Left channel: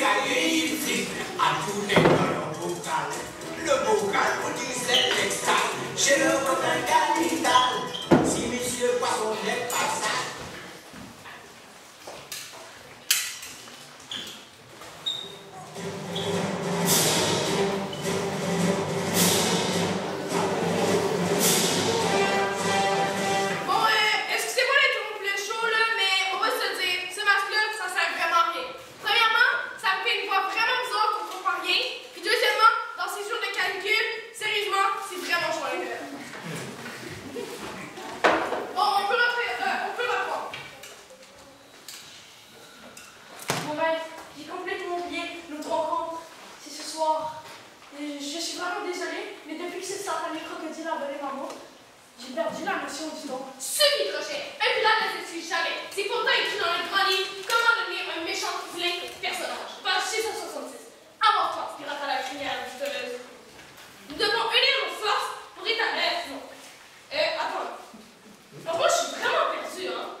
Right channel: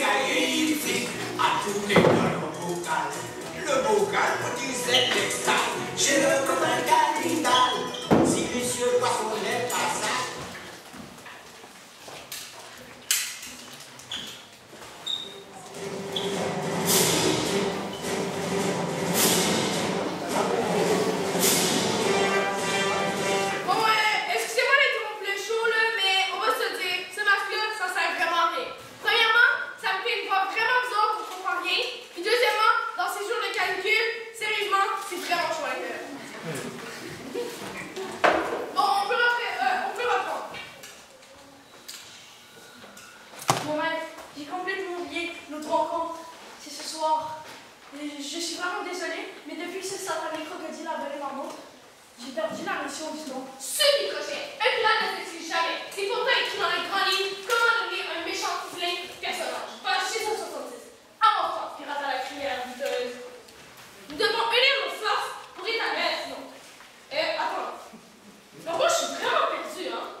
ici, à tous les dans bocal. Le bocal utilisait l'extase, chez le commun capital. Si monsieur Poisson n'est pas ça. Je suis vraiment désolée, mais depuis que ce satané crocodile a volé ma montre, j'ai perdu la notion du temps. Suivi crochet, un plat ne se suit jamais. C'est pourtant écrit dans les grands livres comment devenir un méchant vilain personnage. Page 666. Avortement, pirate à la crière douteuse. Nous devons unir nos forces pour établir sinon. Attends. Moi, je suis vraiment perdue, hein.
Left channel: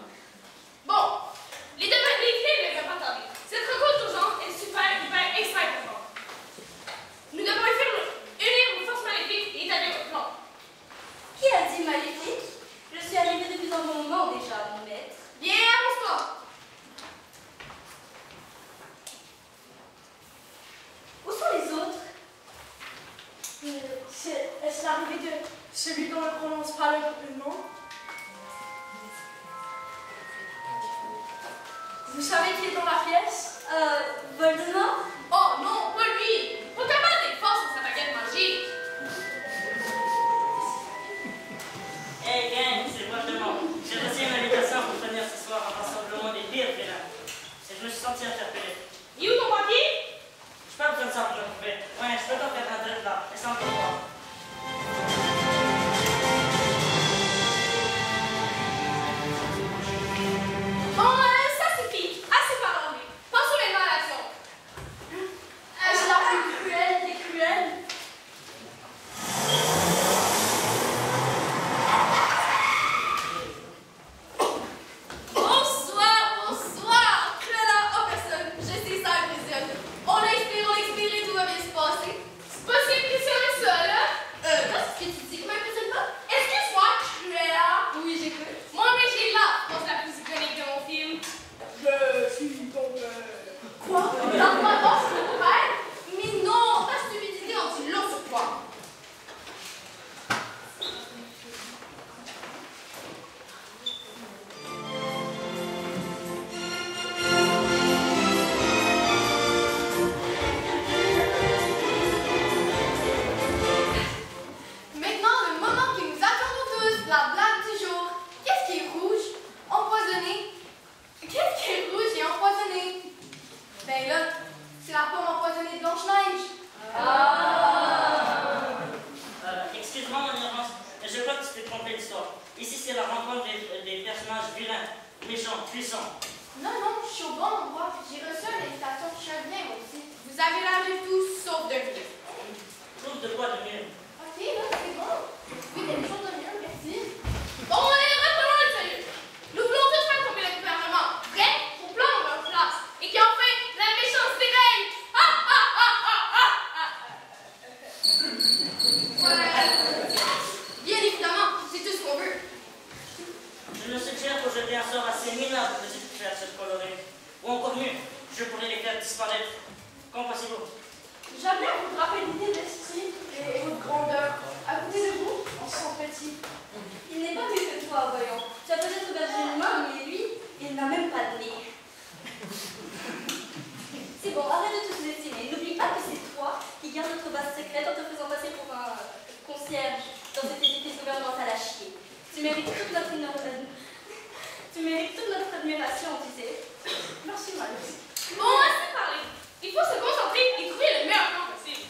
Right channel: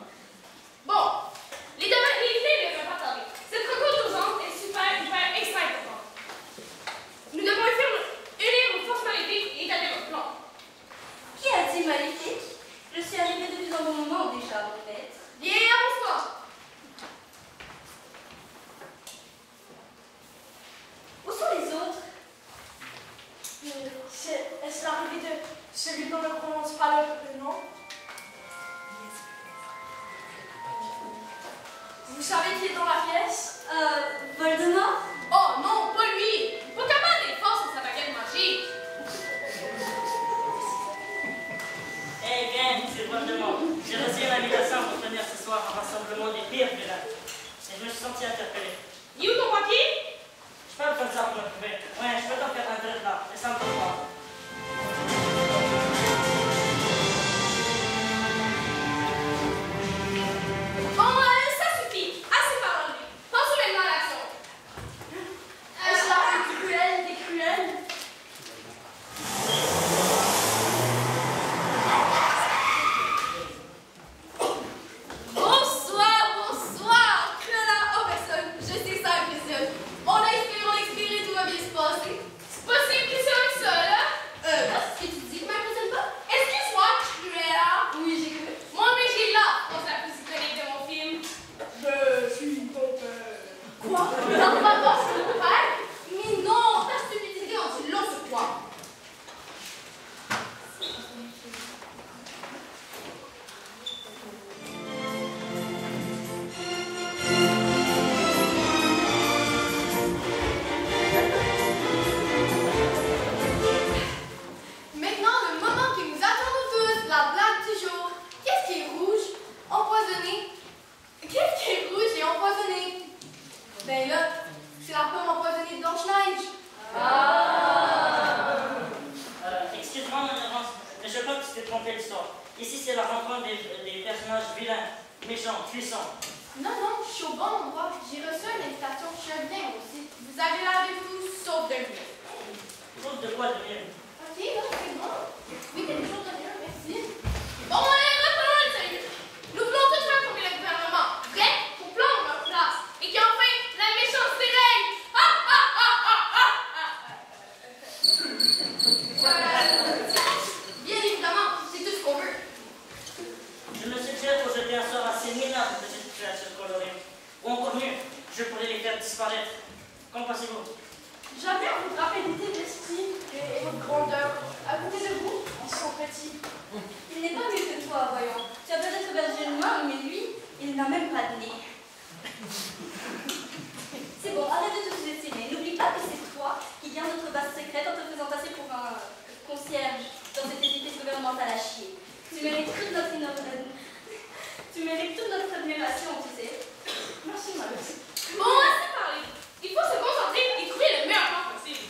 Bon, les filles ne peuvent pas tarder. Cette rencontre aux anges est super, extra importante. Nous devons unir nos forces maléfiques et établir notre plan. Qui a dit maléfique? Je suis arrivée depuis un bon moment déjà, mon maître. Viens, avance-toi. Où sont les autres? Est-ce l'arrivée de celui dont ne prononce pas le nom? Vous savez qui est dans la pièce? Voldemort? Oh non, pas lui. Pas capable d'être fort sans sa baguette magique. Hey gang, c'est Voldemort. J'ai reçu une invitation pour venir ce soir en rassemblement des pires vilains. Et je me suis senti interpellé. Il est où ton papier? Je peux comme ça pour le trouver. Ouais, je peux t'en faire un drip là. Et ça me fait pas. Bon, ça suffit. Assez parlé. Pensez maintenant à l'action. Est-ce la plus cruelle des cruelles? Bonsoir. Cruella Overson. Je sais ça, Vision. On expire et tout va bien se passer. C'est pas si impressionnant que ça, là. Qu'est-ce que tu dis? M'impressionne pas? Excuse-moi, Cruella. Oui, j'écoute. Moi, mais j'ai la force la plus iconique de mon film. Je suis ton père. Quoi? Non, pas voir, c'est mon père. Mais non, ta stupidité en dit long sur toi. Maintenant, le moment qui nous attend tous, la blague du jour. Qu'est-ce qui est rouge? Empoisonné. Qu'est-ce qui est rouge et empoisonné? Ben là, c'est la pomme empoisonnée de Blanche-Neige. Excuse-moi mon ignorance, mais je crois que tu t'es trompé l'histoire. Ici, c'est la rencontre des personnages vilains, méchants, puissants. Non, non, je suis au bon endroit. J'ai reçu une invitation, je viens aussi. Vous avez l'air de tout sauf de venir. Sauf de quoi de mieux? Ok, là, c'est bon. Oui, mais les choses de mieux, merci. Bon, allez, reprenons le salut. Nous voulons tous faire tomber le gouvernement. Prêt pour prendre leur place. Et qu'enfin, la méchanceté règne. Ah, ah, ah, ah, ah, ah. Bien évidemment, c'est tout ce qu'on veut. Je me suggère pour jeter un sort assez minable de cette créature colorée. Ou encore mieux, je pourrais les faire disparaître. Qu'en pensez-vous? J'aime bien votre rapidité d'esprit et votre grandeur. À côté de vous, ils sont petits. Il n'est pas mieux que toi, voyons. Tu as peut-être bergé une main, mais lui, il n'a même pas de nez. C'est bon, arrête de te sous-estimer. N'oublie pas que c'est toi qui gardes notre base secrète en te faisant passer pour un concierge dans cet édifice gouvernemental à chier. Tu mérites toute notre admiration, tu sais. Merci, madame. Bon, assez parlé. Il faut se concentrer et trouver le meilleur plan possible.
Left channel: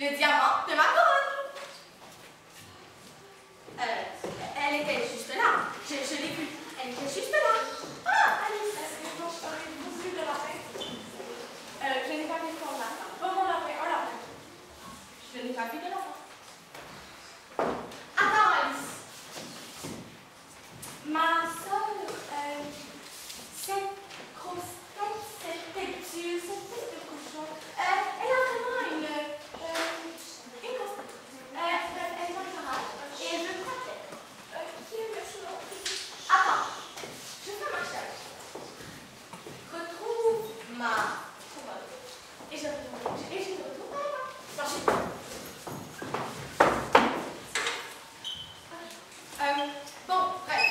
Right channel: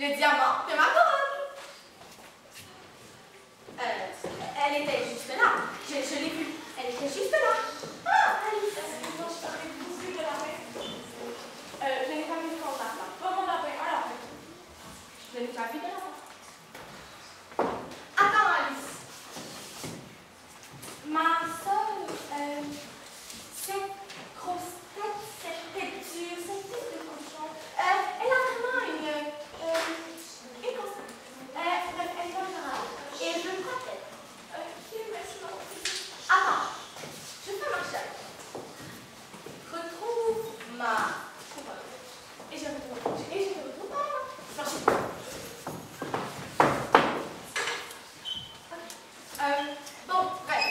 Le diamant de ma couronne. Elle était juste là. Je l'ai vue. Elle était juste là. Ah, Alice, vous avez le lapin? Je n'ai pas vu ton lapin. Pas mon lapin, un lapin. Je n'ai pas vu de lapin. Attends, Alice. Ma soeur, cette grosse tête, cette texture, cette tête de cochon, elle a vraiment une constance. Bref, elle va au garage et elle veut protège. Attends, je fais marcher avec toi. Retrouve ma couronne. Et je te retrouve. Marche. Bon, bref.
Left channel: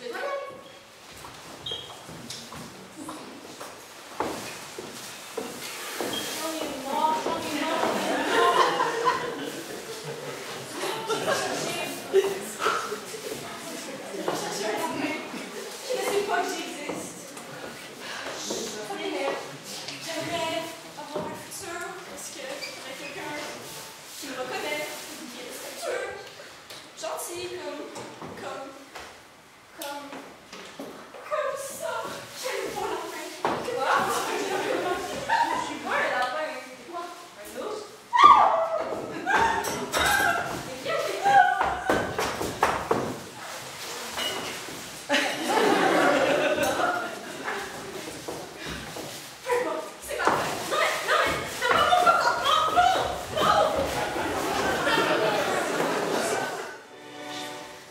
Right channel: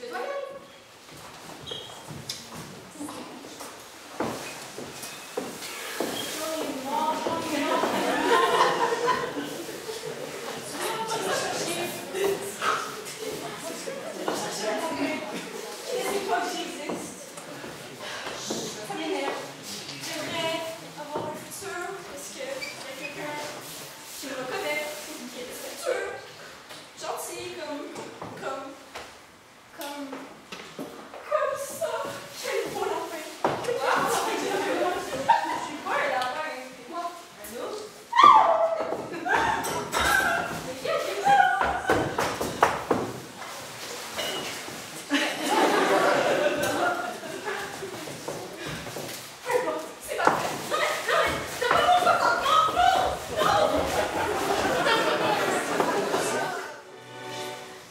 Je dois y aller. J'en ai marre. Je ne sais pas que j'existe. Ça m'énerve. J'aimerais avoir un futur parce que j'aurais quelqu'un qui me reconnaît, qui est respectueux, gentil, comme ça. J'aime pas la fin. Je suis pas un lapin, c'est moi, un ours. C'est parfait. Non, c'est pas mon faute. Non.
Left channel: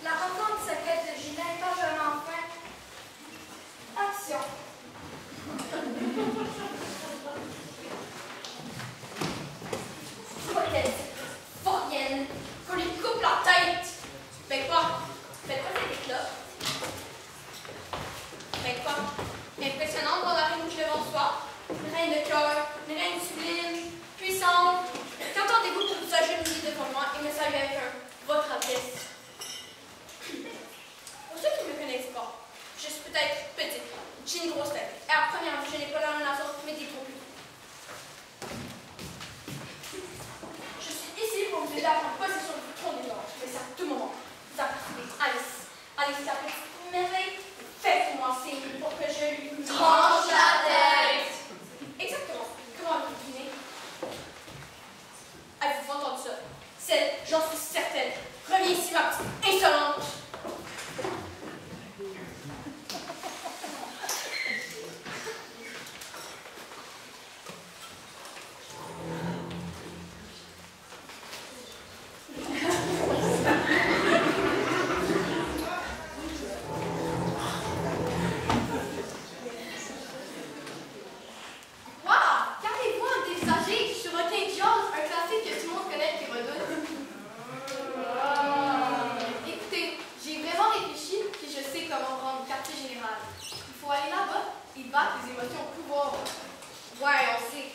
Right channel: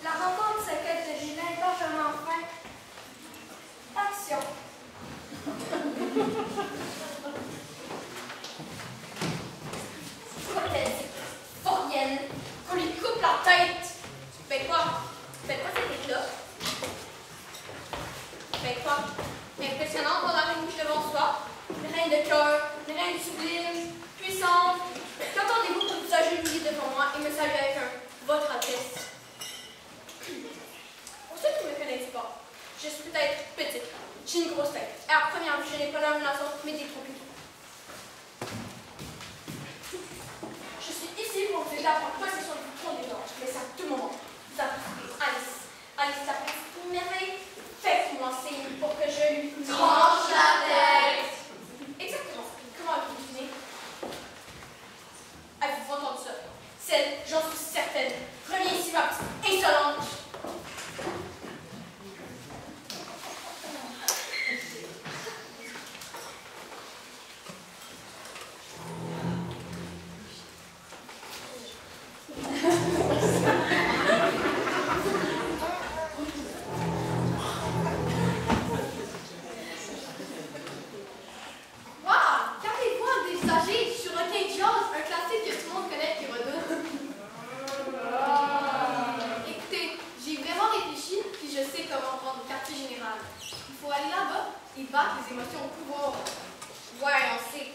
La rencontre secrète de Julien pas vraiment fin. Action. Faut-elle cette vaurienne qu'on lui coupe la tête? Ben quoi? Ben quoi cette là? Ben quoi? Impressionnante dans la reine bouche devant soi. Une reine de cœur, une reine sublime, puissante. Qu'entendez-vous pour visager une vie devant moi et me saluer avec un votre Altesse? Pour ceux qui ne me connaissent pas, je suis peut-être petite, j'ai une grosse tête, et à première vue, je n'ai pas l'air d'une nation, mais détrompée. Je suis ici pour vous aider à prendre possession du trône des anges, mais c'est à tout moment. Vous appréciez Alice. Alice, la petite merveille, faites-moi signe pour que je lui tranche la tête. Exactement. Comment avez-vous deviné? Avez-vous entendu ça? Celle, j'en suis certaine, reviens ici, ma petite insolente. Waouh! Qu'avez-vous à dévisager sur un teint diable, un classique que tout le monde connaît qui redoute? Écoutez, j'ai vraiment réfléchi, puis je sais comment prendre le quartier général. Il faut aller là-bas et battre les émotions au pouvoir. Ouais, on sait.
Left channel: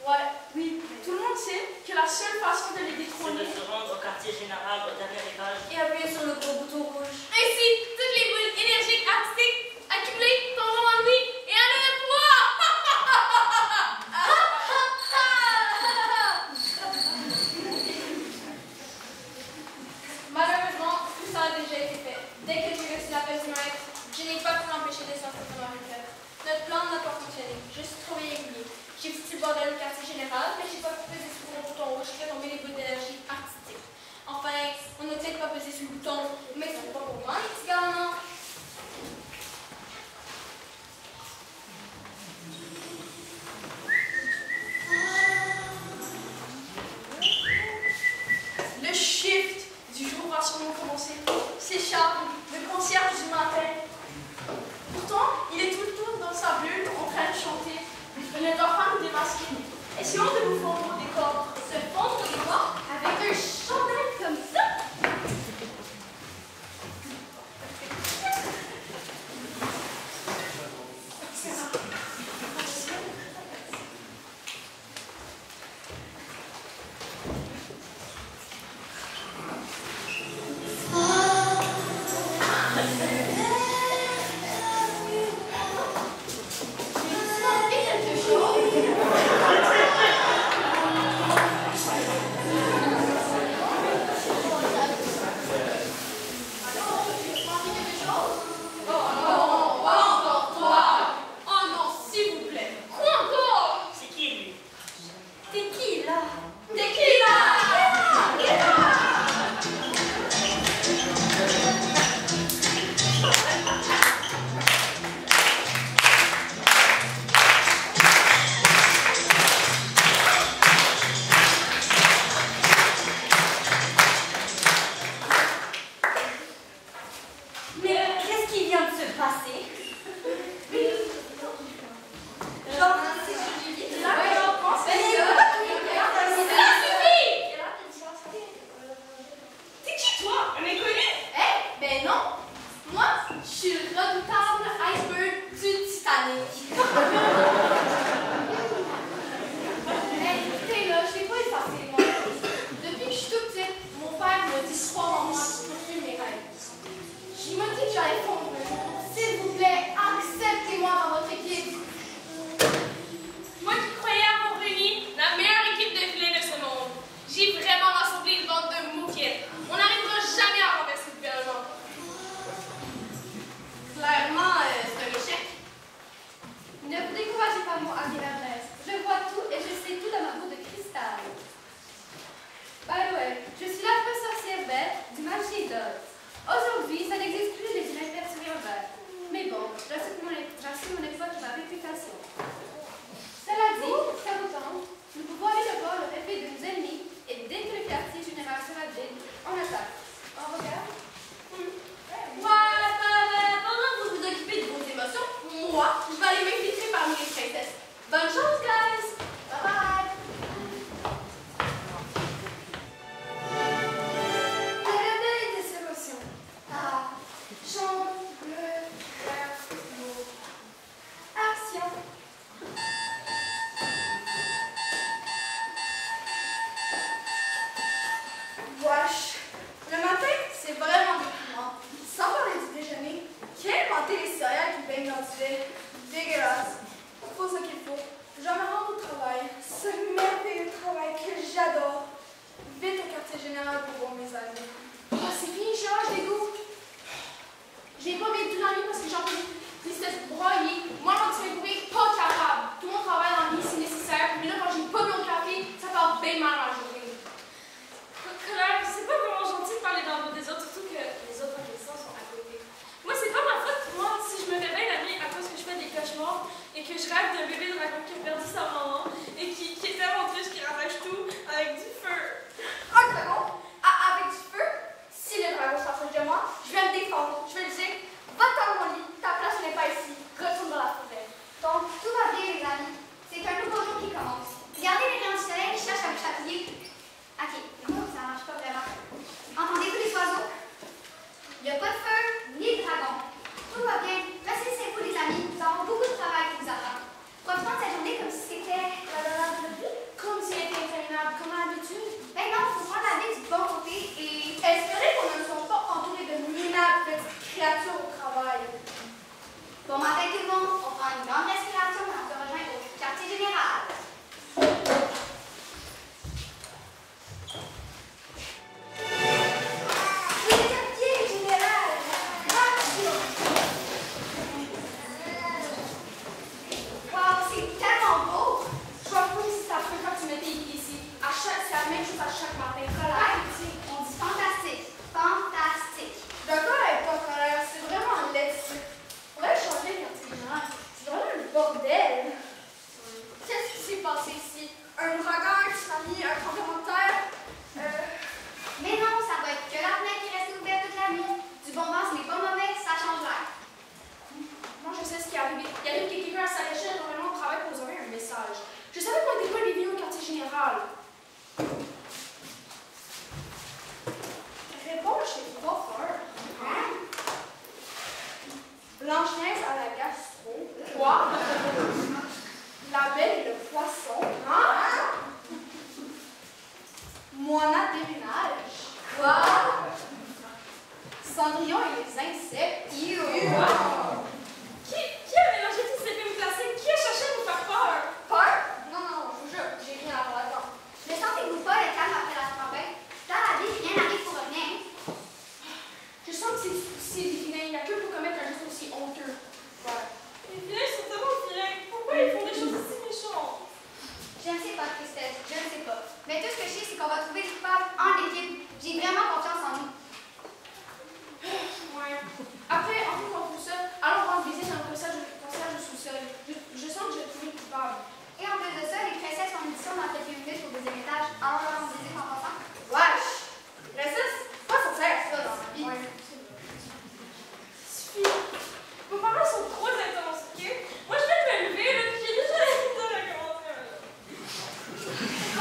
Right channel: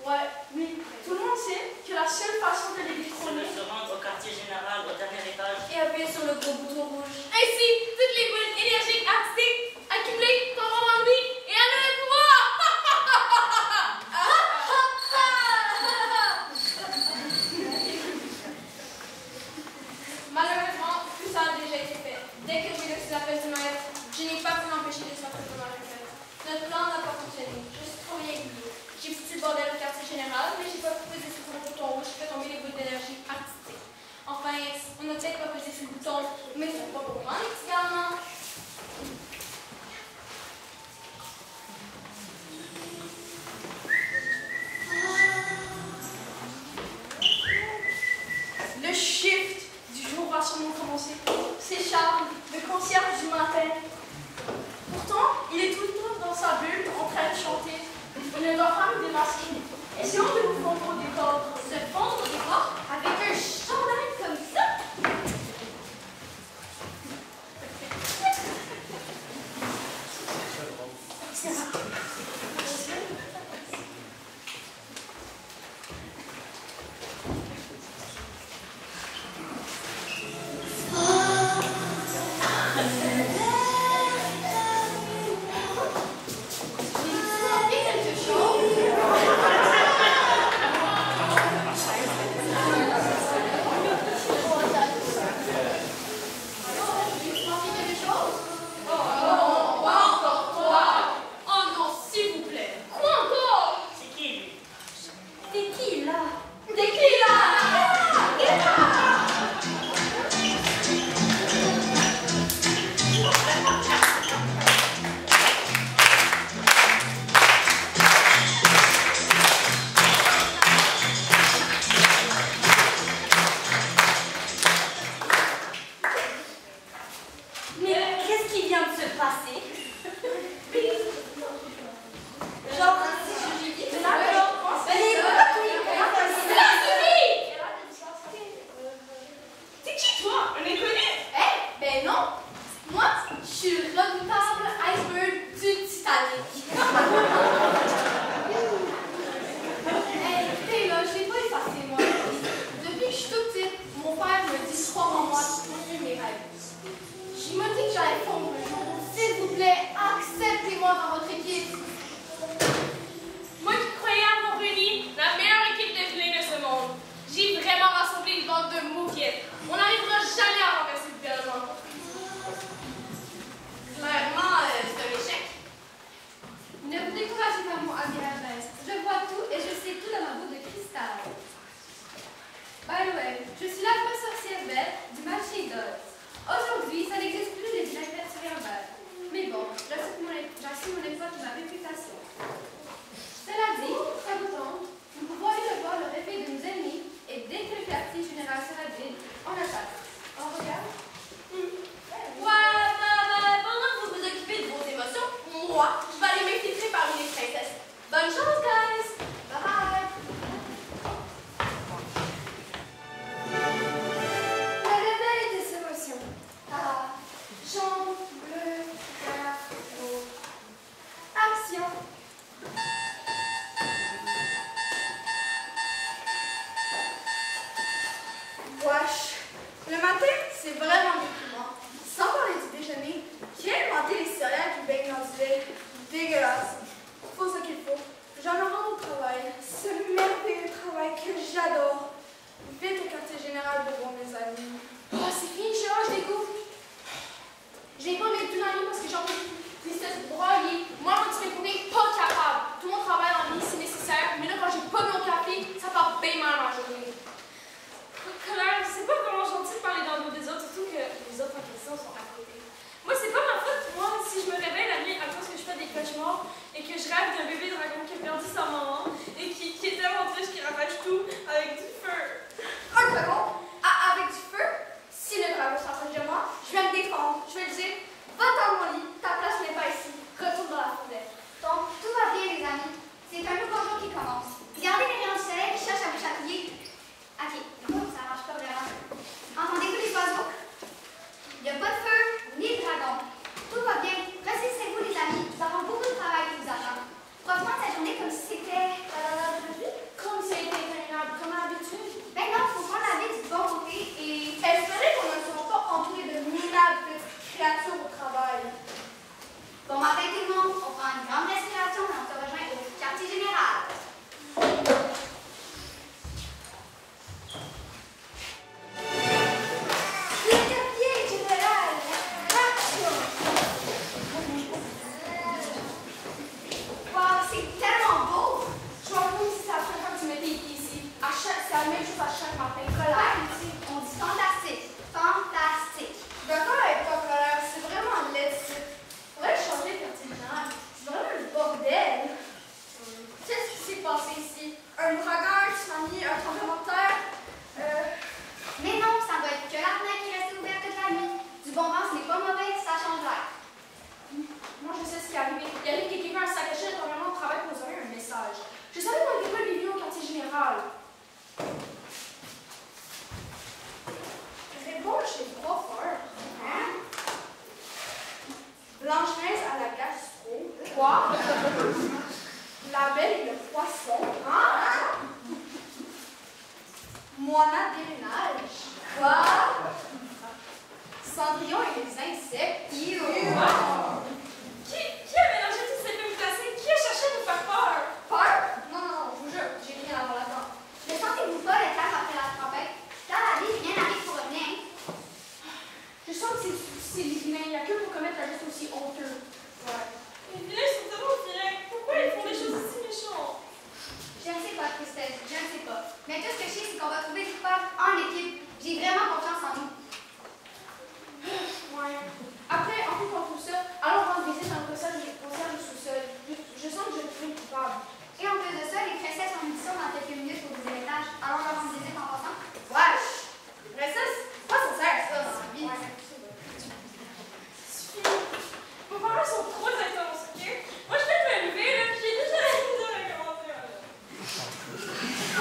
Ouais, oui, mais tout le monde sait que la seule façon de les C'est de détrôner se rendre au quartier général au dernier étage. Et appuyer sur le gros bouton rouge. ainsi, toutes les bulles énergiques artistiques accumulées tomberont en lui et en auront le pouvoir! Malheureusement, tout ça a déjà été fait. Dès que j'ai reçu l'appel du maître, je n'ai pas pu m'empêcher de sortir de ma retraite. Notre plan n'a pas fonctionné. Je suis trop régulier. J'ai foutu le bordel au quartier général, mais j'ai pas pu peser sur le bouton rouge qui fait tomber les boules d'énergie artistiques. Enfin, on n'a peut-être pas pesé sur le bouton, mais c'est pas pour moi, les petits gars. Le shift du jour va sûrement commencer. C'est Charles, le concierge du matin. Pourtant, il est tout le temps dans sa bulle en train de chanter. Il ne doit pas nous démasquer. Essayons de nous fondre au décor. Se fondre au décor avec un chandail comme ça. J'ai dit quelque chose. Tequila.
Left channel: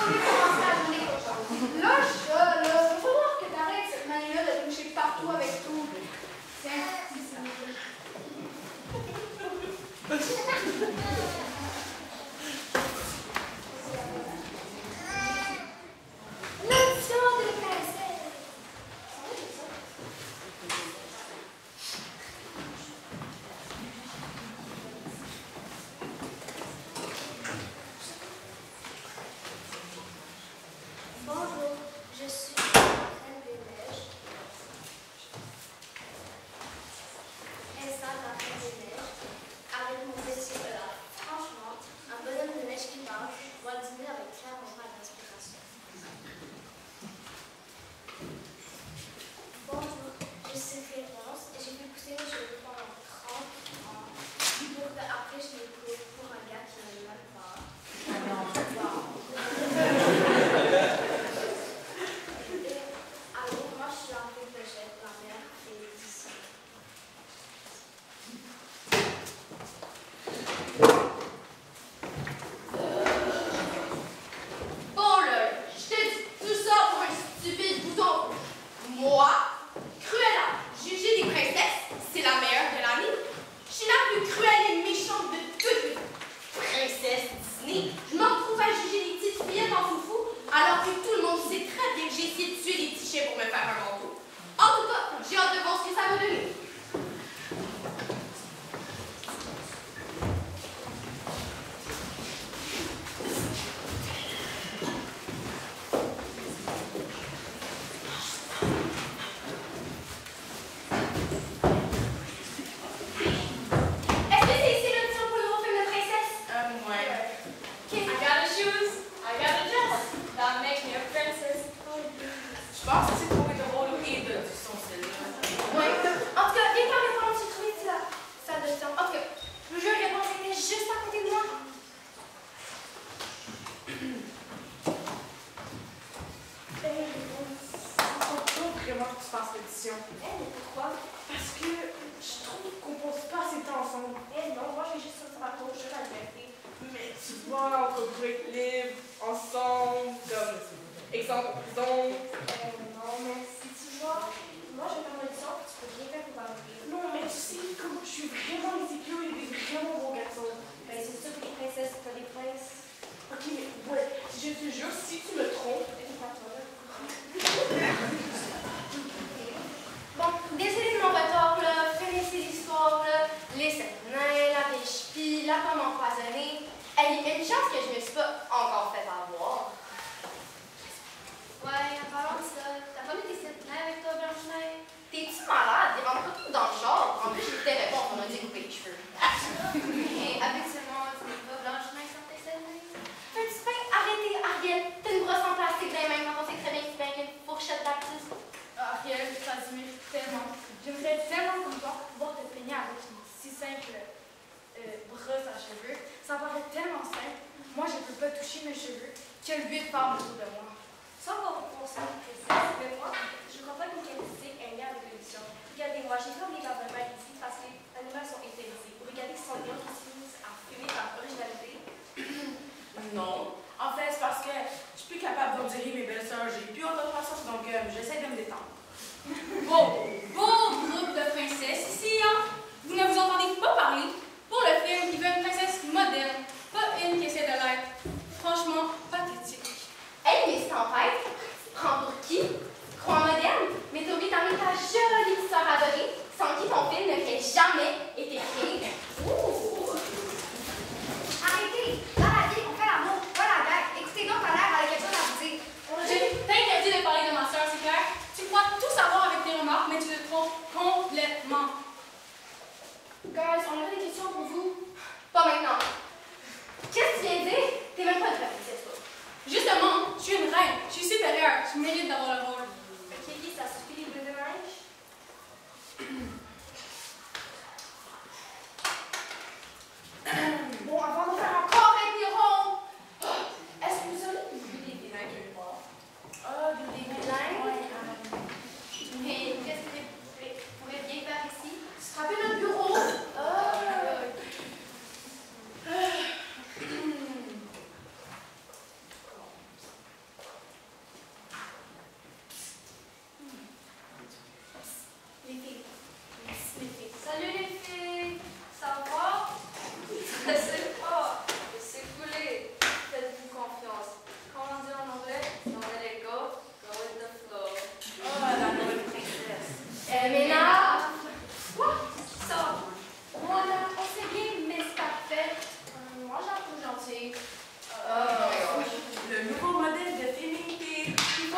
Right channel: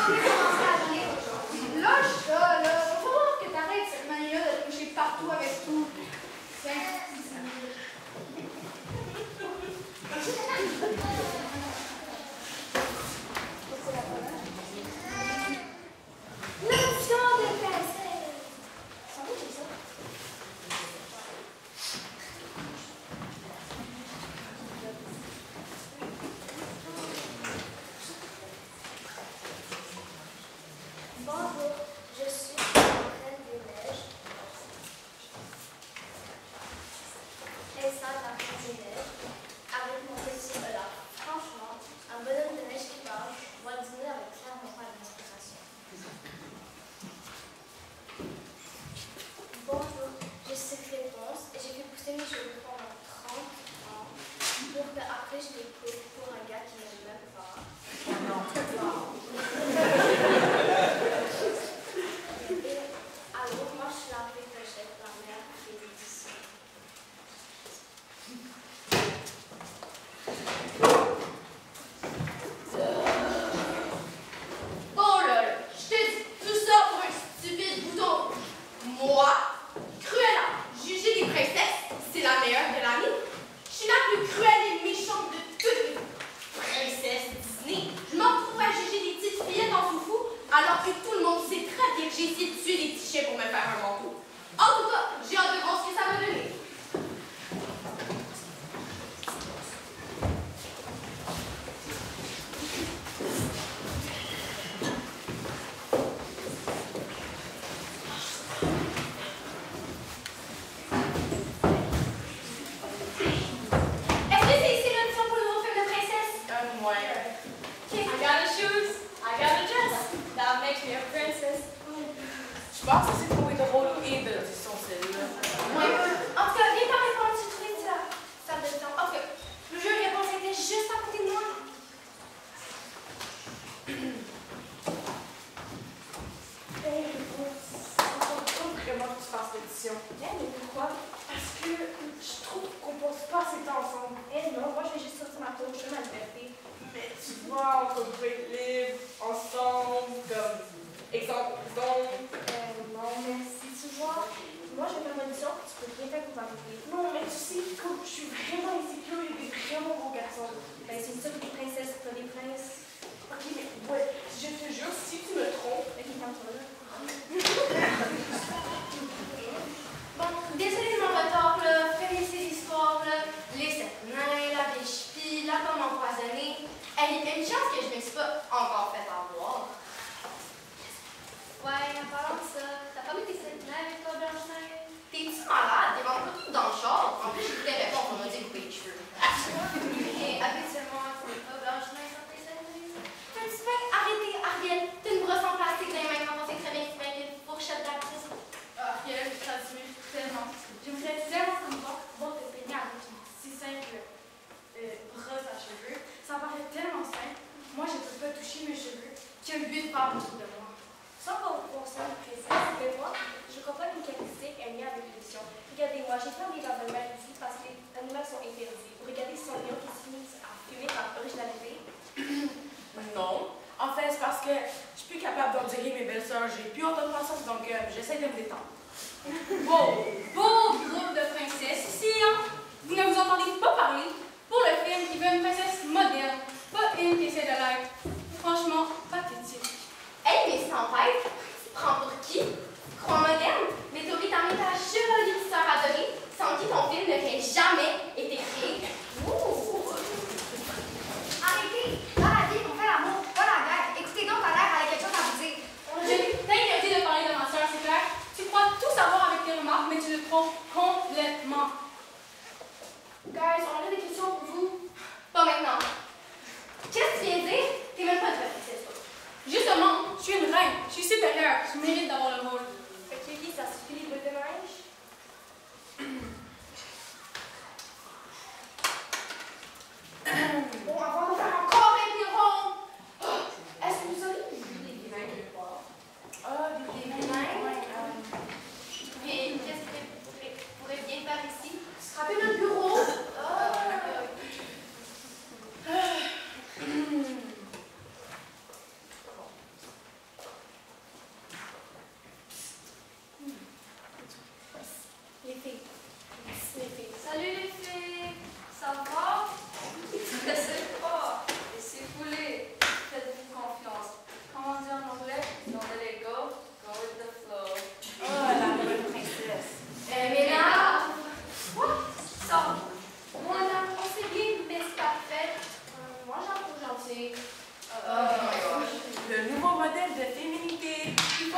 On est commencé la journée cochon. Là, faut voir que t'arrêtes cette manière de toucher partout avec tout. C'est l'option des princesses. Bonjour, je suis la reine des neiges. Elsa, la reine des neiges, avec mon petit Olaf. Franchement, un bonhomme de neige qui parle, moi le dîner avec clairement pas d'inspiration. Bonjour, je suis Réponse et j'ai fait pousser mes cheveux pendant 30 ans pour qu'après je les coupe pour un gars qui ne m'aime pas. Alors, moi je suis un peu que je vais être ma mère et d'ici. Bon, lol, je te dis tout ça pour un stupide bouton. Moi, Cruella, Gigi des princesses, c'est la meilleure de l'année. Je suis la plus cruelle et méchante de toutes les princesses Disney. Je me retrouve à juger des petites fillettes en foufou, alors que tout le monde sait très bien que j'ai essayé de tuer les petits chiens pour me faire un bon coup. En tout cas, j'ai hâte de voir ce que ça va donner. Est-ce que c'est ici l'audition pour le nouveau film de princesse? Ouais. I got the shoes, I got the dress. That makes me a princess. Je pense que c'est trouvé de rôle et de son celle-là. Ouais. En tout cas, viens par répondre, j'ai trouvé ça. Ça donne temps. En tout cas, le jeu de réponse était juste à côté de moi. Faut vraiment que tu fasses l'édition. Mais pourquoi? Parce que je trouve qu'on passe pas assez de temps ensemble. Eh non, moi je vais juste sortir ma cour chemin de liberté. Mais tu vois, on va break libre, ensemble, comme exemple en prison. Non, mais si tu vois, moi je me fais une audition, tu peux rien faire pour m'arrêter. Non, mais tu sais, comme je suis vraiment insécure et des vraiment beaux garçons. Ben c'est sûr que les princesses, pas les princes. Ok, mais ouais, je te jure, si tu me trompes, Bon, désolé de mon retard, là. Faites ces histoires, là. Les sept nains, la pêche pie, la pomme empoisonnée. Elle y met une chance que je me suis pas encore fait avoir. Ouais, en parlant de ça, t'as pas mis tes sept nains avec toi, Blanche-Neige? T'es-tu malade? Il manque pas tout dans le char. En plus, je t'ai répondu, on a découpé les cheveux. Et habituellement, tu n'es pas Blanche-Neige sur tes sept nains? Un petit peu, arrêtez, Ariel. T'as une brosse en plastique dans les mains quand on sait très bien que tu mets une fourchette d'artiste. Ariel, ça se met tellement. J'aimerais tellement comme toi pouvoir te peigner avec une si simple brosse à cheveux. Ça me paraît tellement simple. Moi, je peux pas toucher mes cheveux. Quel but femmes autour de moi. Sans avoir pour ça, princesse, mais moi, je crois pas qu'une caractéristique est liée avec l'édition. Regardez-moi, j'ai pas mis l'animal ici parce que les animaux sont interdits. Vous regardez ce sont des lions qui se finissent à fumer par originalité. non. En fait, c'est parce que je suis plus capable d'endurer mes belles-sœurs. J'ai plus autre façon, donc j'essaie de me détendre. Wow! Beau groupe de princesses ici, hein? Vous ne vous entendez pas parler? Pour le film, il veut une princesse moderne, pas une qui essaie de l'être. Franchement, pathétique. Hey, mais Tempête, tu prends pour qui? Croix moderne? Mais t'oublies t'en ta jolie petite sœur adorée, sans qui ton film n'aurait jamais été créé. Ouh! Arrêtez! Dans la vie, on fait l'amour, pas la guerre. Écoutez donc ta mère, elle a quelque chose à vous dire. Je t'interdis de parler de ma sœur, c'est clair? Tu crois tout savoir avec tes remarques, mais tu te trompes complètement. Guys, on a des questions pour vous. Pas maintenant. Qu'est-ce que tu viens de dire? T'es même pas de la princesse, toi. Justement, je suis une reine. Je suis supérieure. Je mérite d'avoir le rôle. Fait que Lily, ça suffit les boules de neige? Bon, avant de faire encore un héros, est-ce que vous avez vu des nains quelque part? Ah, Des nains? Mais qu'est-ce que tu pourrais bien faire ici? Scraper notre bureau.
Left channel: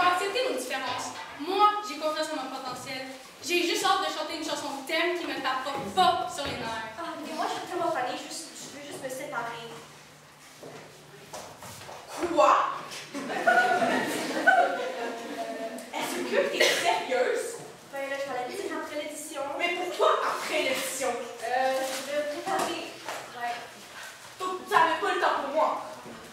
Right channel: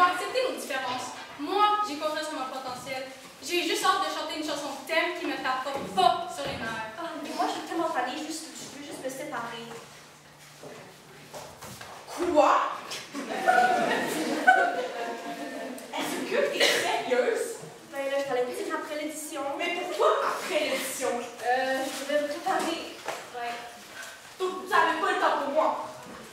faut accepter nos différences. Moi, j'ai confiance en mon potentiel. J'ai juste hâte de chanter une chanson thème qui me tape pas sur les nerfs. Ah, mais moi, je suis tellement fanée, je veux juste me séparer. Quoi? Est-ce que t'es sérieuse? Ben là, je vais la dire après l'édition. Mais pourquoi après l'édition? Je vais me préparer. Ouais. Donc, tu n'avais pas le temps pour moi.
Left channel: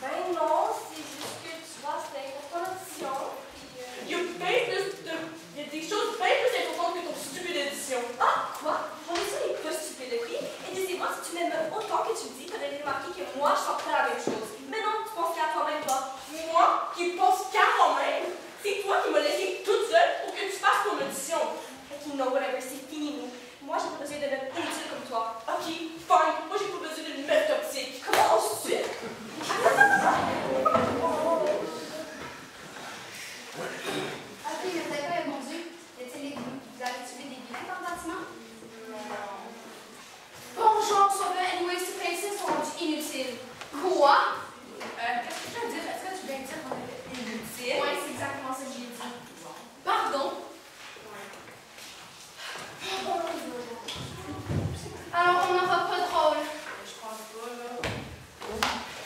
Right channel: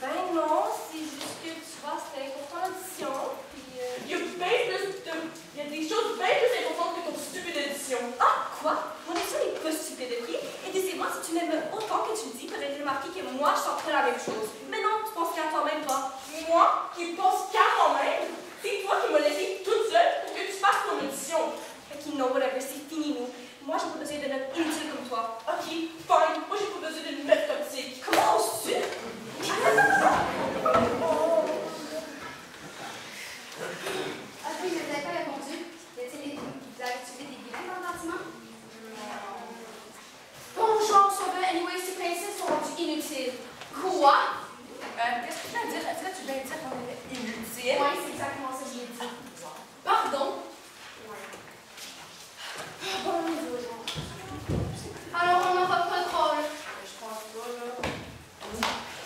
Ben non, c'est juste que tu vois, c'était important l'audition. Puis. Il y a des choses bien plus importantes que ton stupide édition. Ah, quoi? J'en ai ça, les pas stupides, ok? Et dis-moi, si tu m'aimes autant que tu le dis, t'aurais remarqué que moi, je sens pas la même chose. Mais non, tu penses qu'à toi-même, toi. Moi, qui pense qu'à moi-même, c'est toi qui m'as laissée toute seule pour que tu fasses ton audition. Ok, non, whatever, c'est fini, nous. Moi, j'ai pas besoin d'un homme inutile comme toi. Ok, fine. Moi, j'ai pas besoin d'une meuf toxique. Comment on se tue? Ah oui, mais vous n'avez pas répondu. Vous avez tué des guillemets dans le bâtiment? Bon, genre, ça va, anyway, ces princesses sont rendues inutiles. Quoi? Qu'est-ce que tu veux dire? Est-ce que tu viens de dire qu'on était inutile? Ouais, c'est exactement ça que j'ai dit. Pardon? Alors, on n'aura pas de rôle. Je pense pas, là.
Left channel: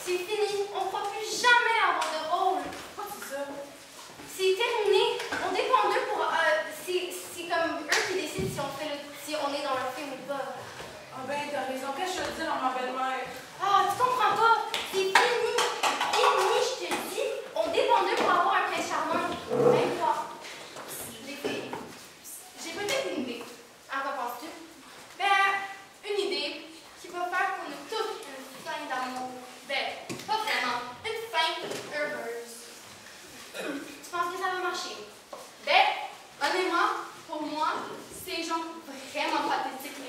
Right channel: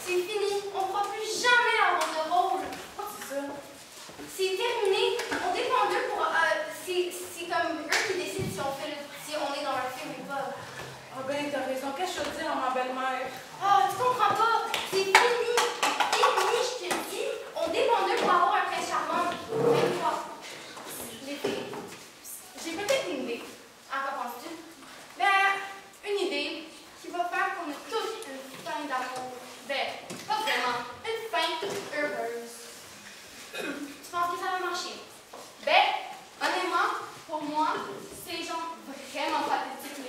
C'est fini. On ne pourra plus jamais avoir de rôle. Quoi, c'est ça? C'est terminé. On dépend d'eux pour... c'est comme eux qui décident si on est dans la film ou pas. Ah ben, t'as raison. Qu'est-ce que je veux dire à ma belle-mère? Ah, tu comprends pas. C'est fini. Fini, je te dis. On dépend d'eux pour avoir un prince charmant. Même toi. Les filles. J'ai peut-être une idée. À quoi penses-tu? Ben, une idée qui va faire qu'on ait tous une fin d'amour. Ben, pas vraiment. Une fin heureuse. Tu penses que ça va marcher? Ben, honnêtement, pour moi, c'est genre vraiment pathétique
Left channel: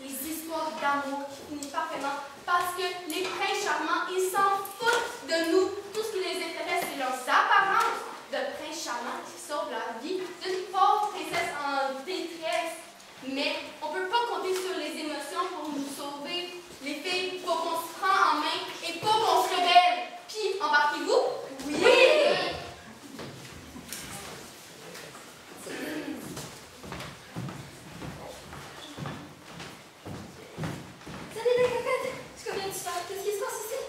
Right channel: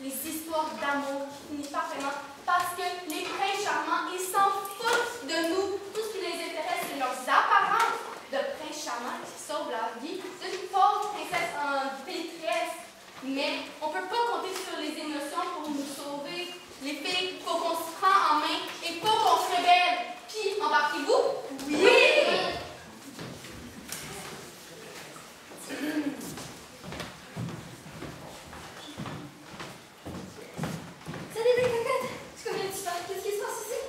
les histoires d'amour qui finissent pas vraiment parce que les princes charmants, ils s'en foutent de nous. Tout ce qui les intéresse, c'est leurs apparences de princes charmants qui sauvent la vie d'une pauvre princesse en détresse. Mais on peut pas compter sur les émotions pour nous sauver. Les filles, faut qu'on se prend en main et faut qu'on se rebelle. Puis, embarquez-vous? Oui! Salut les cocottes! Tu connais tu parles? Qu'est-ce qui se passe ici?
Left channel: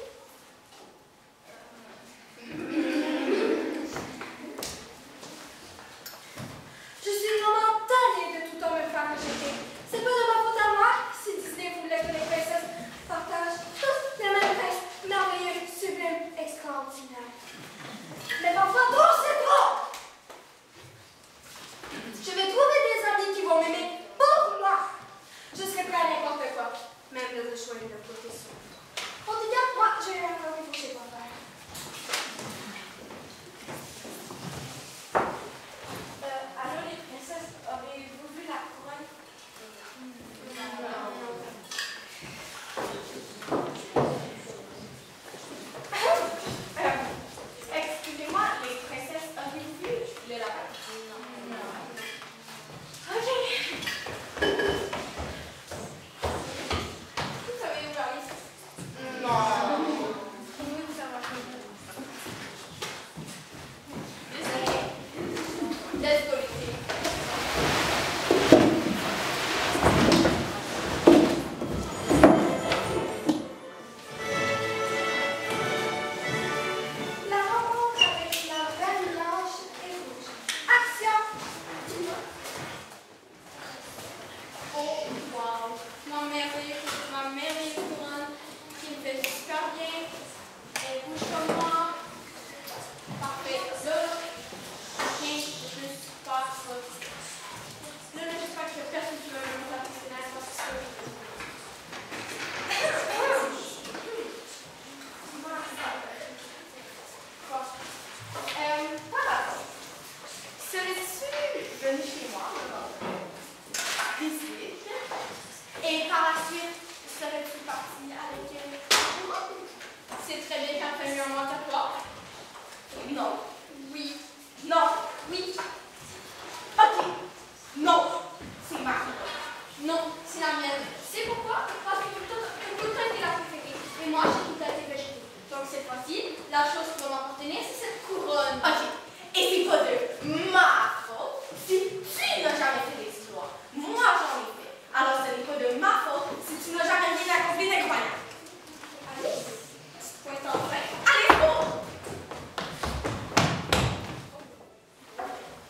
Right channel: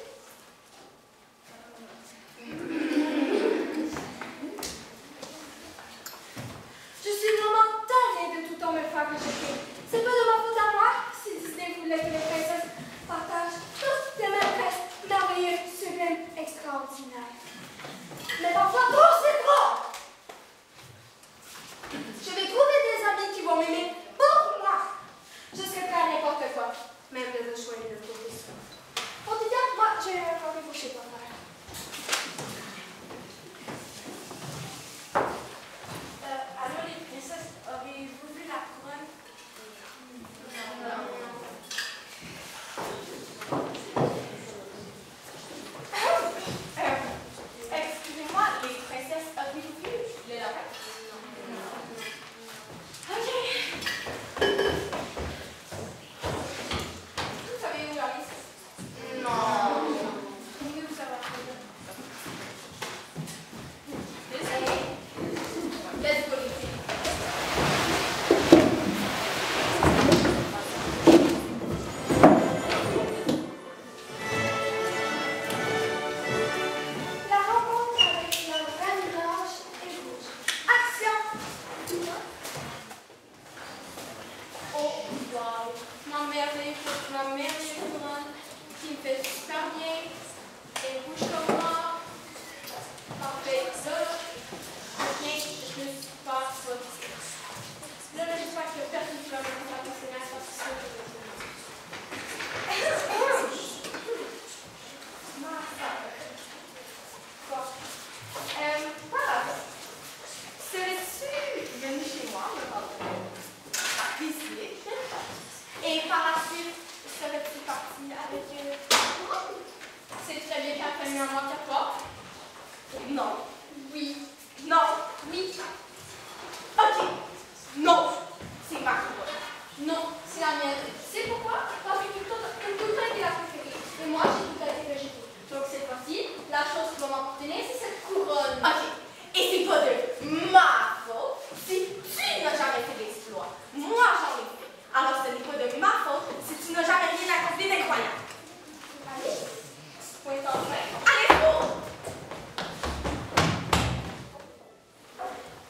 Je suis vraiment tannée de tout le temps me faire rejeter. C'est pas de ma faute à moi si Disney voulait que les princesses partagent tous les mêmes restes merveilleux, sublimes, extraordinaires. Mais parfois, trop c'est trop! Je vais trouver des amis qui vont m'aimer pour moi. Je serai prêt à n'importe quoi, même le choix de profession. En tout cas, moi, je vais encore les toucher pour faire. Alors, les princesses, auriez-vous vu la couronne? Excusez-moi, les princesses, auriez-vous vu le lapin? Ok. Vous avez ouvert les six? Non. Vous pouvez ouvrir la couronne. Let's go, les filles. La rencontre avec la reine blanche et rouge. Action! Oh, wow. Ma merveilleuse couronne qui me fait super bien. Elle couche comme moi. Parfait. Là, je viens de plus super sortir. Là, j'espère que personne qui va me faire la personnage parce que c'est ça que je veux. Quoi? Par hasard, serais-tu venu chez moi, visiter? Et par la suite, serais-tu parti avec moi? C'est très bien qu'elle fait un mois qu'à toi. Non. Oui. Non. Oui. Ok. Non. C'est ma Non, c'est la mienne. C'est pourquoi? Parce que tout a été la préférée. Et moi, j'ai tout a été rejeté. Donc cette fois-ci, la chose qui va m'appartenir, c'est cette couronne. Ok. ma faute si tu n'as jamais fait d'exploit. Moi, j'en ai fait. Alors, ce n'est pas de ma faute si tu n'as jamais rien accompli d'incroyable. Alice, tu te pointes enfin. Allez, cours!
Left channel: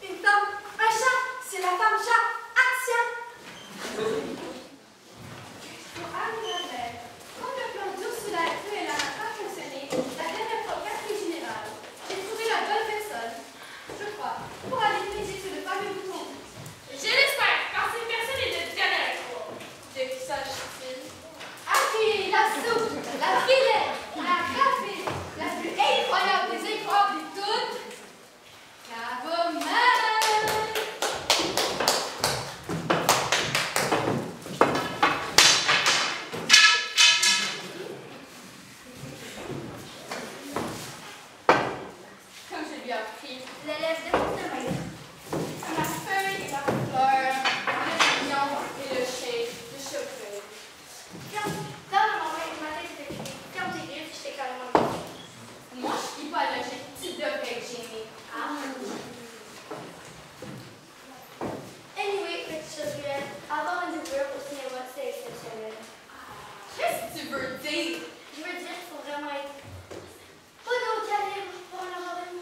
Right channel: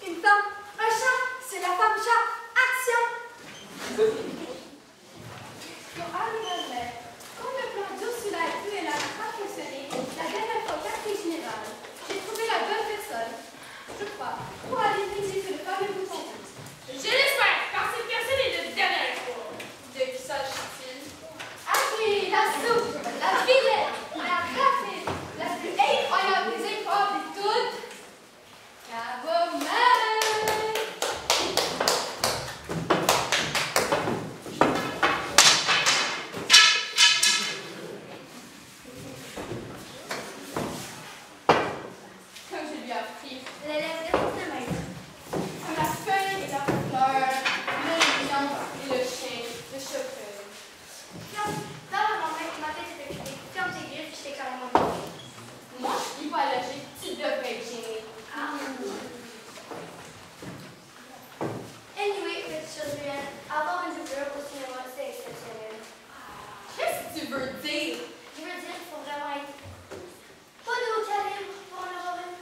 Une femme, un chat, c'est la femme chat. Action! Pour Anne-Mère, quand le plan d'eau sous la ruelle n'a pas fonctionné, la dernière fois quartier général, j'ai trouvé la bonne personne, je crois, pour aller peser sur le fameux bouton. Je l'espère, car cette personne est de dernière espoir. De qui s'agit-il? Ah oui, la soupe, la vilaine, la rapide, la plus incroyable des incroyables de toutes, la Bowman. Comme je lui ai appris. Les lèvres de maître. Comme la feuille et la fleur, le lion et le chien, le cheveu. Dans mon main, ma tête était criée, ferme tes griffes, j'étais carrément mort. Moi, je suis pas allergique, tu devrais être gênée. Ah. Anyway, petite chose réelle, avoir une doublure au cinéma, c'est exceptionnel. Qu'est-ce que tu veux dire? Je veux dire qu'il faut vraiment être pas d'eau calibre pour en avoir une.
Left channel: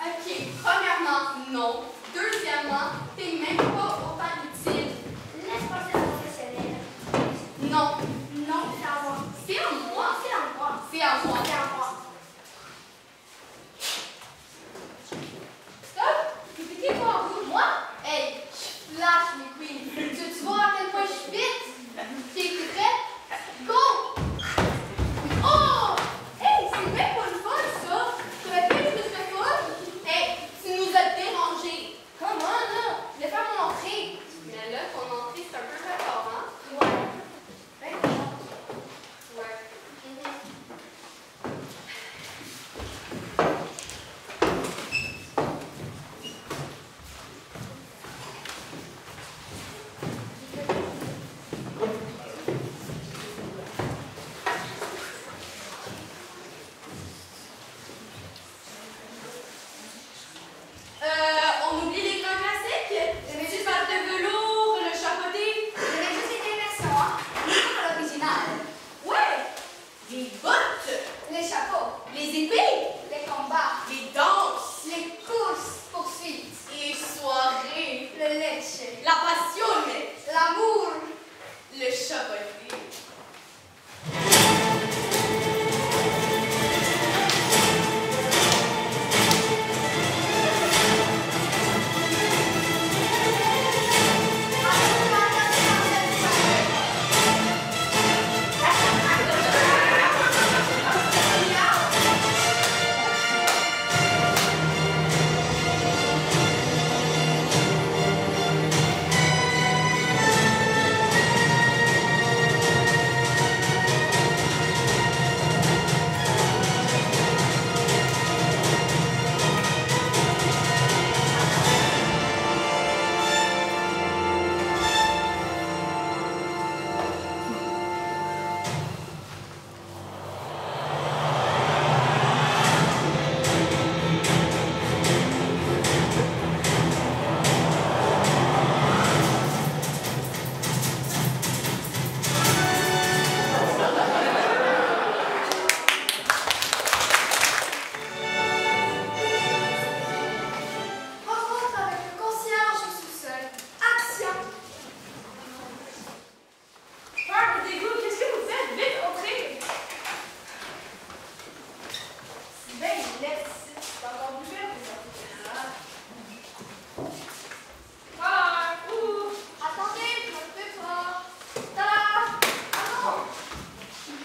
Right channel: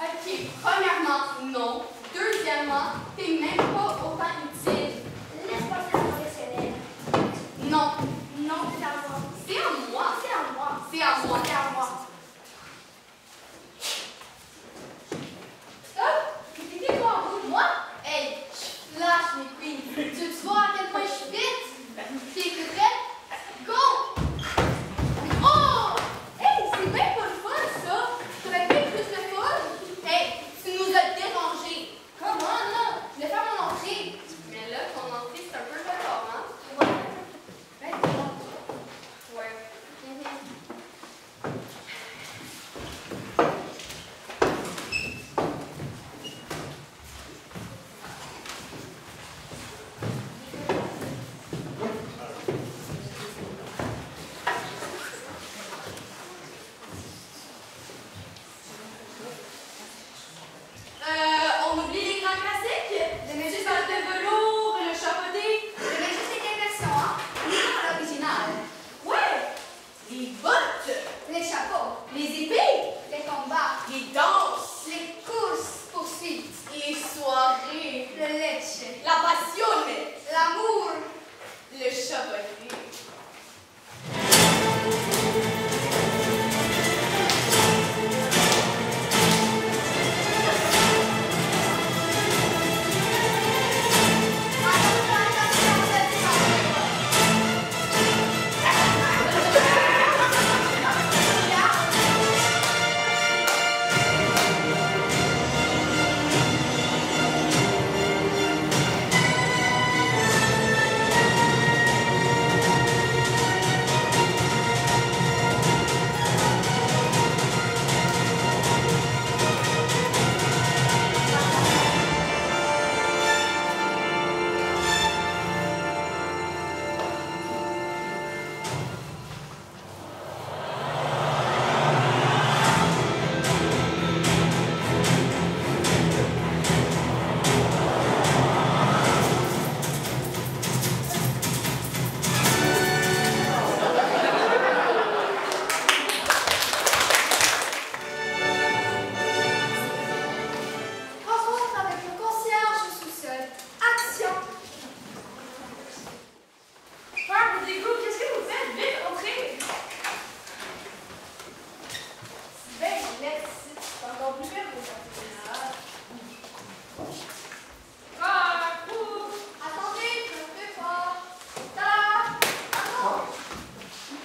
Ok, premièrement, non. Deuxièmement, t'es même pas autant utile. Laisse passer la professionnelle. Non, Non, c'est à moi. c'est à moi. C'est à moi. C'est à moi. C'est à moi. Stop! Expliquez-moi en vous, moi? Hey, je flash mes queens. Tu vois à quel point je suis vite? T'es prête? Go! Oh! Hey, c'est bien pas le fun, ça! T'aurais pu être plus de fun? Hey, tu nous as dérangés. Comment, là? Je vais faire mon entrée. Mais là, ton entrée, c'est un peu performant. Ouais. Ben, non. Ouais. On oublie les grands classiques? Les cheval de velours, le chapeauté. Mais juste cette immersion, hein? À l'original. Ouais! Les bottes, Les chapeaux, les épées, les combats, les danses, les courses, poursuites, les soirées, le lèche, la passion, l'amour. le chapeauté. Rencontre avec le concierge au sous-sol. Action. Regardez-vous, qu'est-ce que vous faites? Vite, entrez! Ben, laisse, c'est encore plus belle que ça. Attendez, je me fais fort. Tada! Ah non!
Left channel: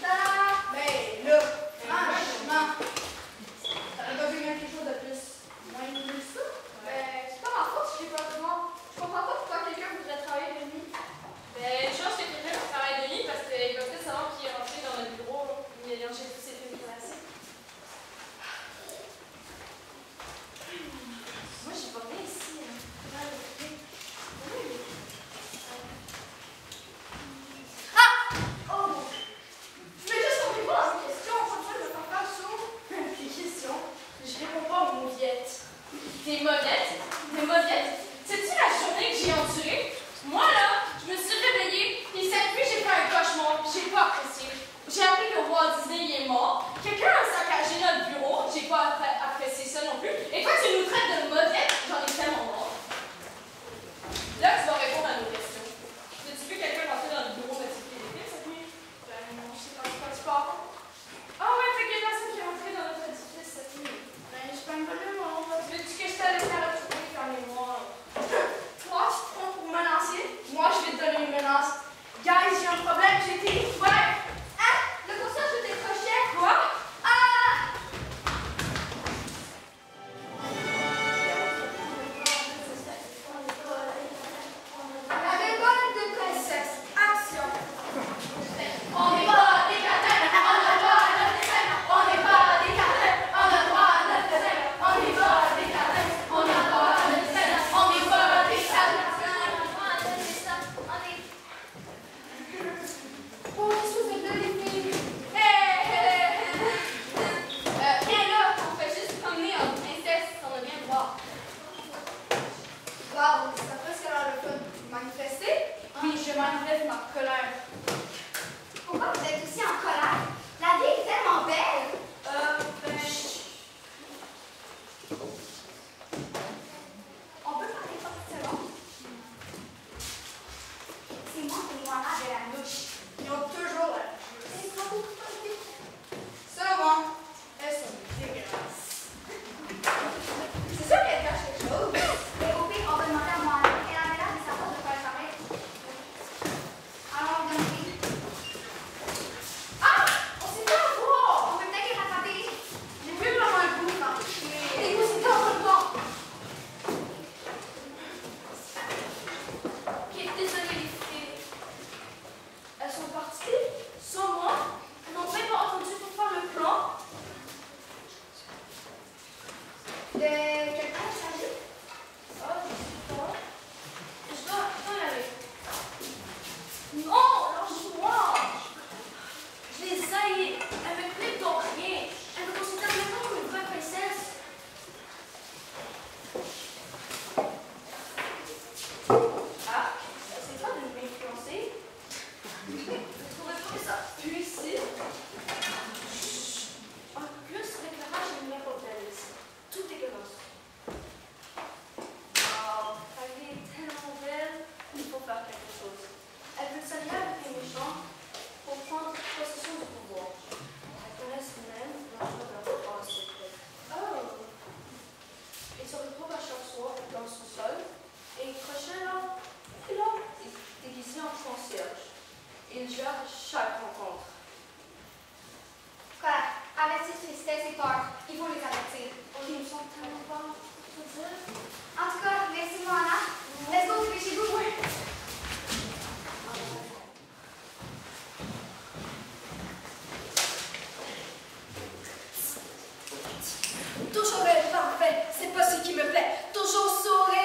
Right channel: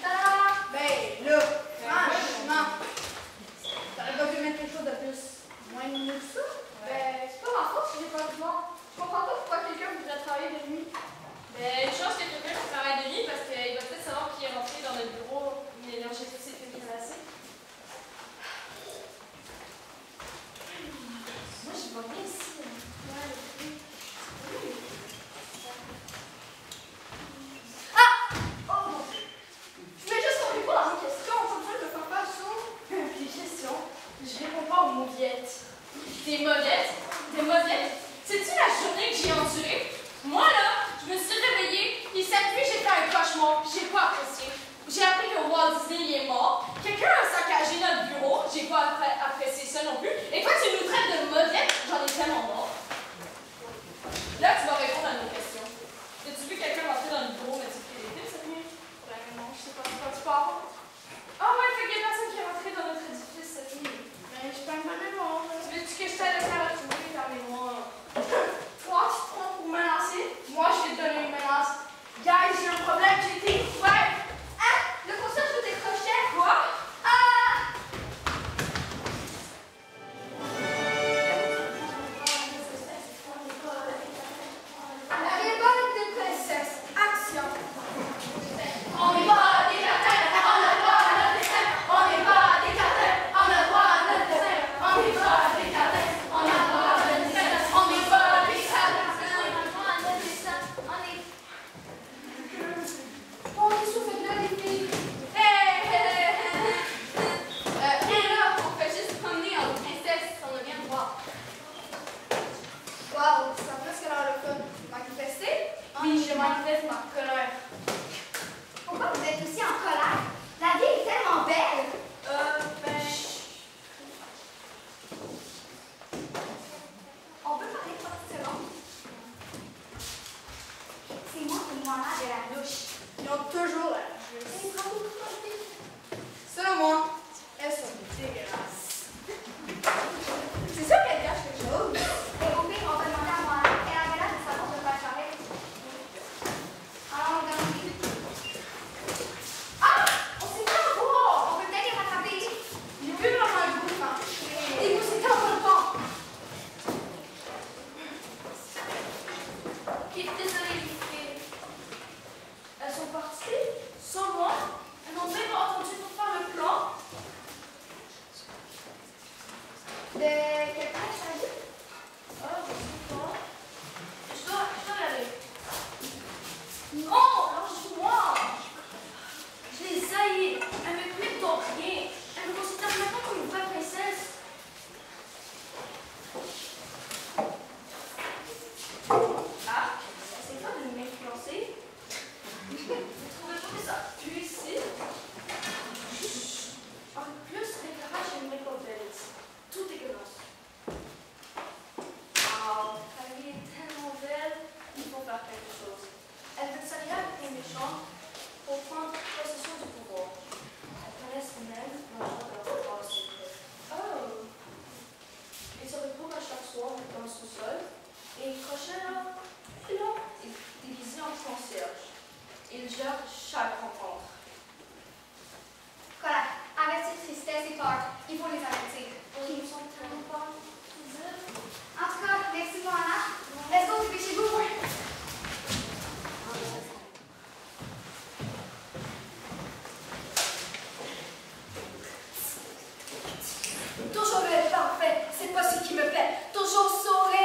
Tada! Ben, là, franchement, t'aurais pas pu mettre quelque chose de plus moins mieux que ça? Ben, c'est pas ma faute si j'ai pas de moi. Je comprends pas pourquoi quelqu'un voudrait travailler de nuit. Ben, une chance que quelqu'un travaille de nuit parce qu'il va peut-être savoir qui est rentré dans notre bureau où il a lâché tous ses films classiques. Moi, je vois rien ici. Ah! Oh mon Dieu! Je vais juste répondre à vos questions. Comme ça, je vais pas faire chaud. Des questions? Je réponds pas aux mauviettes. Des mauvettes? C'est-tu la journée que j'ai endurée? Moi, là, je me suis réveillée, et cette nuit, j'ai fait un cauchemar, puis j'ai pas apprécié. J'ai appris que Walt Disney il est mort. Quelqu'un a saccagé notre bureau, j'ai pas apprécié ça non plus. Et toi, tu nous traites de mauvettes? J'en ai tellement marre. Là, tu vas répondre à nos questions. As-tu vu quelqu'un rentrer dans le bureau modifier les fils cette nuit? Non, je sais pas de quoi tu parles. Ah ouais, fait qu'il y a personne qui est rentré dans notre édifice cette nuit. Mais je peux me donner mon. Veux-tu que je t'aille faire la tournée dans les mois? Toi, tu te prends pour menacer? Moi, je vais te donner une menace. Guys, j'ai un problème, j'ai été ouvert. Hein? Le concert de tes crochets? Quoi? Ah! La révolte des princesses. Action. On n'est pas des cartels, on a droit à notre destin. On n'est pas des cartels, on a droit à notre destin. On n'est pas des cartels, on a droit à notre destin. On n'est pas des cartels. On est sous cette belle fille. Et là, on fait juste promener en princesse, on vient de voir. Wow, ça a presque l'air le fun. Manifester? Oui, je manifeste ma colère. Pourquoi vous êtes aussi en colère? La vie est tellement belle. On peut parler 30 secondes? C'est moi qui ai malade de la louche. Ils ont toujours l'air. Selon moi, elles sont dégueulasses. C'est sûr qu'elles cachent quelque chose. Les poupées, on va demander à moi. Elle avait l'air de savoir de quoi elle parlait. Alors, on vient. Ah! On s'est fait avoir! On peut peut-être les rattraper. J'ai plus vraiment le goût de marcher. Et nous, c'est dans le temps. Ok, désolée les filles. Elles sont parties sans moi. Elles n'ont même pas entendu pour faire le plan. Quel plan il s'agit? Ah, je sais pas. Je dois y aller. Non, lâche-moi. Je les haïs. Elles me traitent pour rien. Elles me considèrent même pas comme une vraie princesse. Ah, c'est pas de m'influencer. Vous trouvez pas que ça pue ici? Un peu plus, l'éclairage est même pas belle ici. Tout dégueulasse. Ah, elle est tellement belle, il faut faire quelque chose. Elle veut s'allier avec les méchants pour prendre possession du pouvoir. Elle reste même manger dans le bras secret. Oh! Et se retrouve à chaque soir dans son sol. Et Crochet là, est déguisé en concierge. Il gère chaque rencontre. Quoi? Avec cette tristesse et peur, il faut les avertir. Qui nous sont tellement pas. En tout cas, merci Moana. Let's go, dépêchez-vous. Toujours être parfait, c'est pas ce qui me plaît. Toujours sourire.